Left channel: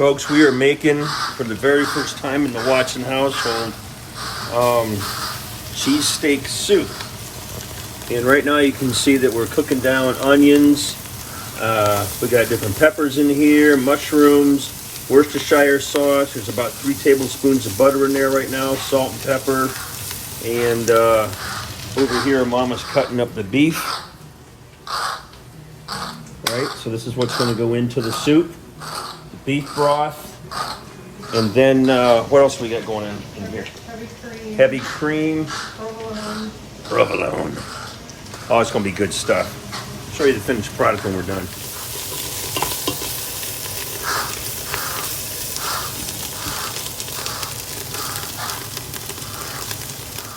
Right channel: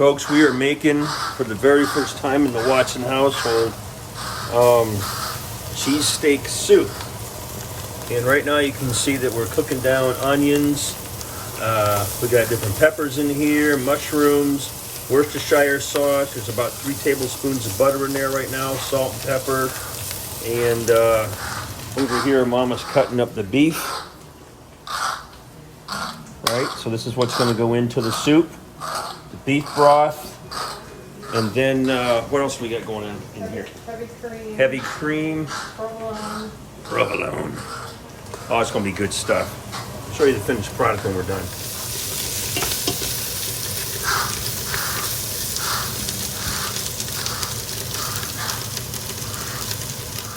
Folks, we are making, for the very first time in the Watson household, cheesesteak soup. And right now you can see that we're cooking down onions. We got different peppers in here, mushrooms, Worcestershire sauce. There's about 3 tablespoons of butter in there right now, salt and pepper. And over here, Mama's cutting up the beef. All right, so this is what's going to go into the soup. The beef broth. And then, what else we got going in here? Heavy cream. Provolone. Oh, it's going to be good stuff. I'll show you the finished product when we're done.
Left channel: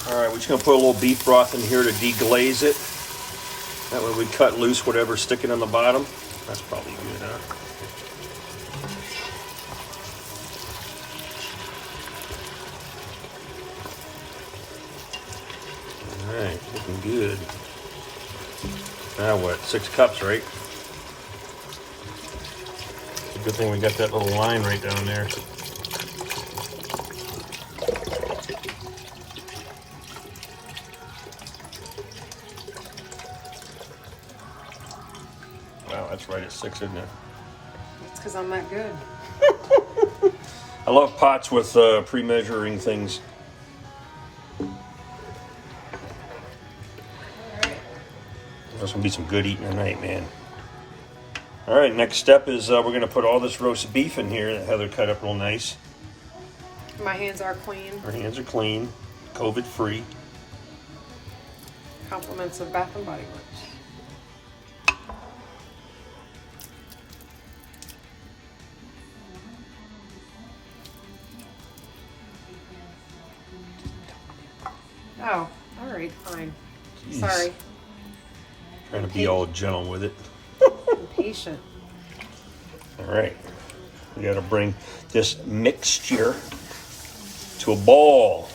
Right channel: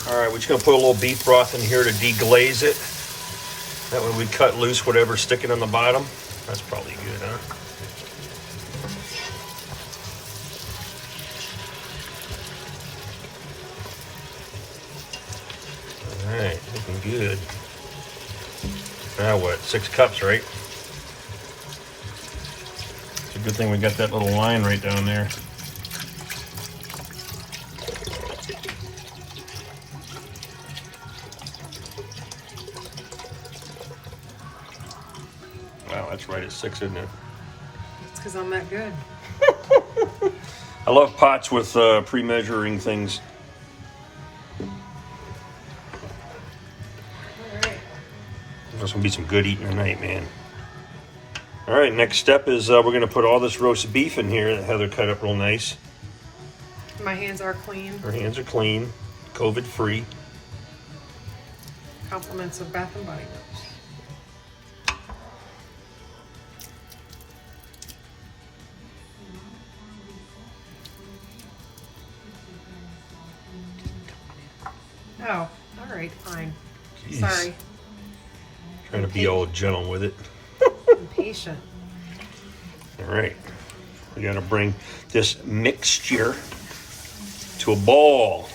All right, we're just going to put a little beef broth in here to deglaze it. That way we cut loose whatever's sticking on the bottom. That's probably good, huh? All right, looking good. Now what, 6 cups, right? It's a good thing we got that little line right down there. Wow, that's right at 6, isn't it? It's because I'm that good. I love pots with pre-measuring things. There's gonna be some good eating tonight, man. All right, next step is we're gonna put all this roast beef in here that Heather cut up real nice. My hands are clean. Her hands are clean, COVID-free. Compliments of Bath and Body Works. Oh, all right, fine. Jeez. Sorry. Trying to be all gentle with it. I'm patient. All right, we got to bring this mixture to a ball.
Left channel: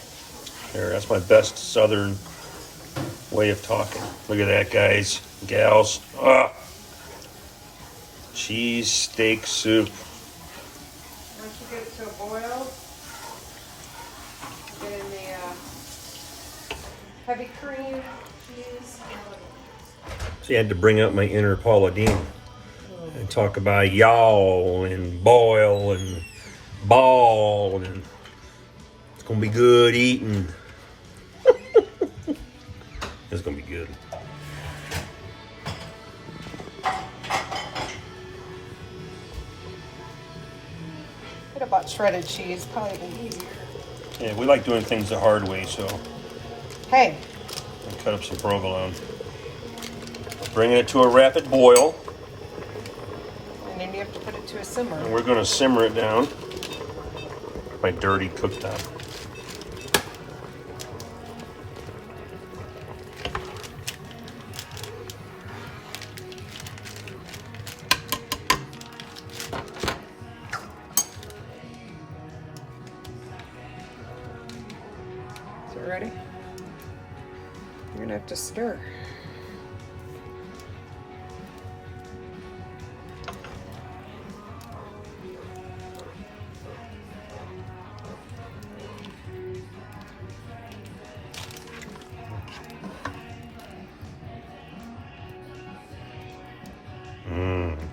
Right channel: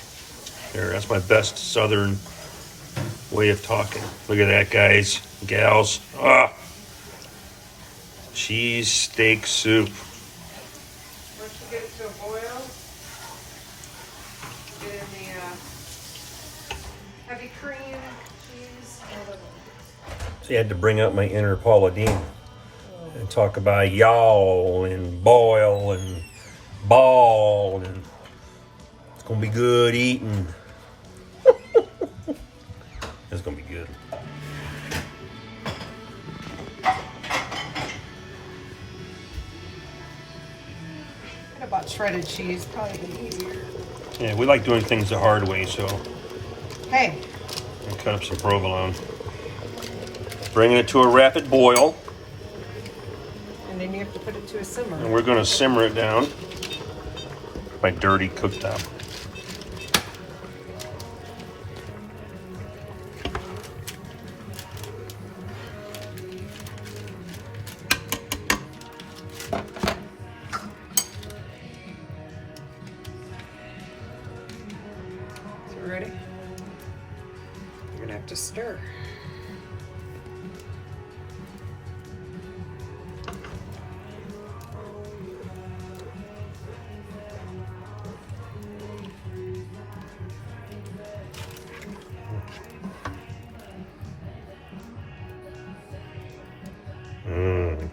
There, that's my best southern way of talking. Look at that, guys, gals. Ah, cheesesteak soup. Once you get it to a boil, get in the heavy cream, cheese, See, I had to bring out my inner Paula Deen and talk about y'all and boil and ball, and it's gonna be good eating. It's gonna be good. Could have bought shredded cheese, probably been easier. Yeah, we like doing things the hard way, so Hey, I'll cut up some provolone. Bringing it to a rapid boil, and then you have to put it to a simmer. and we're gonna simmer it down. My dirty cooktop. So you ready? You're gonna have to stir.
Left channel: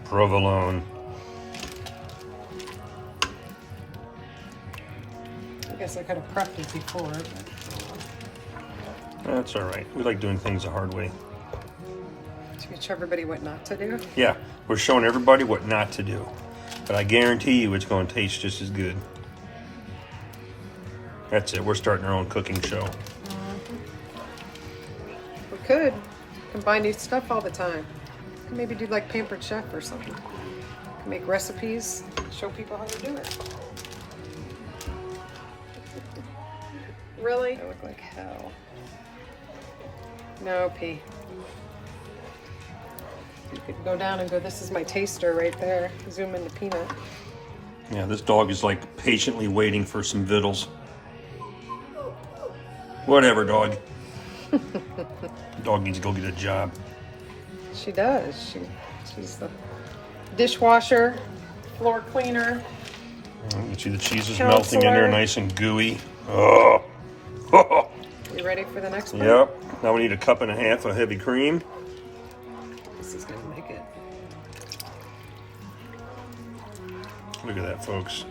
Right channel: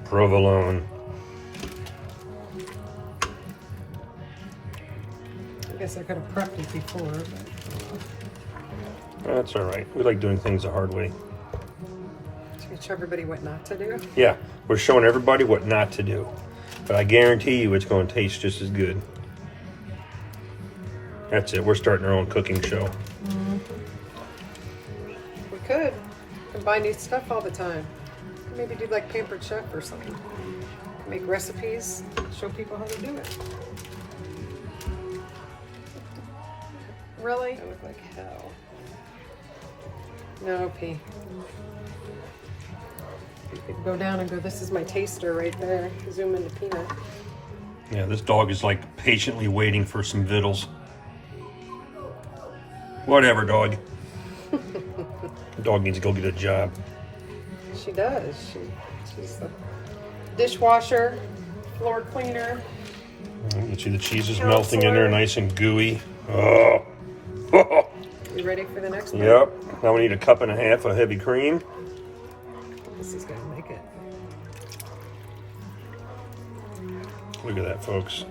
Provolone. I guess I could have prepped it before. That's all right. We like doing things the hard way. To show everybody what not to do. Yeah, we're showing everybody what not to do. But I guarantee you it's going to taste just as good. That's it. We're starting our own cooking show. We could. You can buy new stuff all the time. You can maybe do like Pampered Chef or something. You can make recipes, show people how to do it. Really? I look like hell. No, P. You could go down and go, this is my taster right there. Zoom in the peanut. Yeah, this dog is like patiently waiting for some vittles. Whatever, dog. The dog needs to go get a job. She does. She's the dishwasher, floor cleaner, You see the cheese is Count melting in there, salami. nice and gooey. Oh. You ready for the next one? Yep. Now we need a cup and a half of heavy cream. This is gonna make it. Look at that, folks.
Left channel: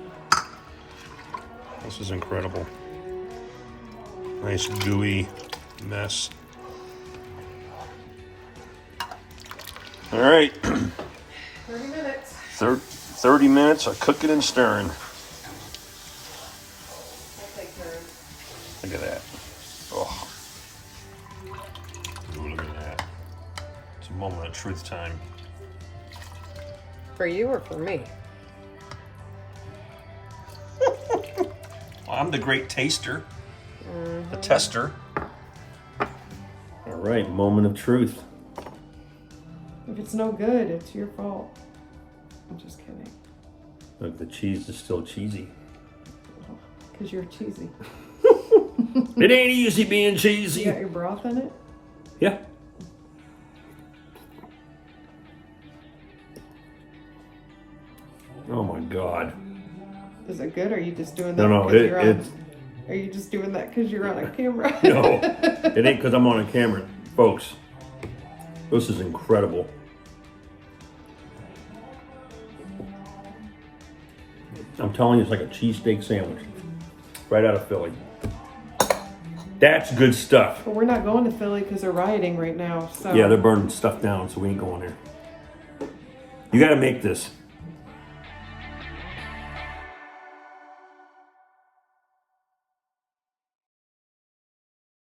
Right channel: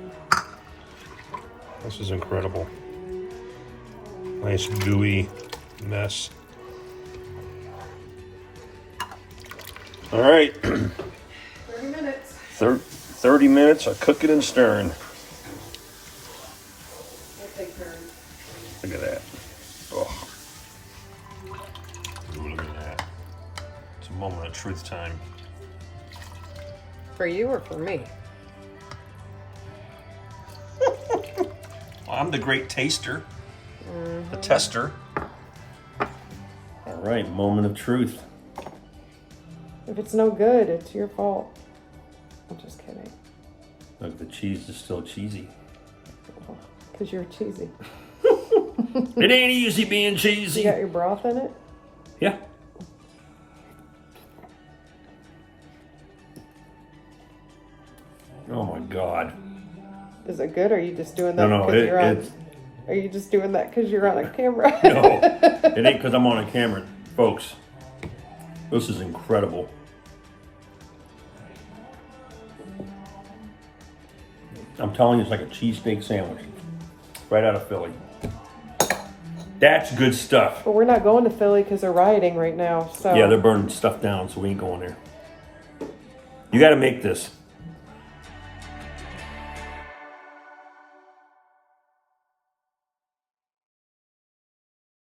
This is incredible. Nice gooey mess. All right. 30 minutes. 30 minutes of cooking and stirring. We'll take turns. Look at that. Oh. Ooh, look at that. It's a moment of truth time. For you or for me? Well, I'm the great taster. The tester. All right, moment of truth. If it's no good, it's your fault. I'm just kidding. Look, the cheese is still cheesy. Because you're cheesy. It ain't easy being You cheesy. got your broth in it? Yeah. Oh my God. Is it good, or are you just doing that? No, because you're on- it's Are you just doing that because you're on a camera? no. It ain't because I'm on a camera, folks. This is incredible. I'm telling you, it's like a cheesesteak sandwich, right out of Philly. That's good stuff. But we're not going to Philly because they're rioting right now. So Yeah, they're burning stuff down, so we ain't going there. You got to make this.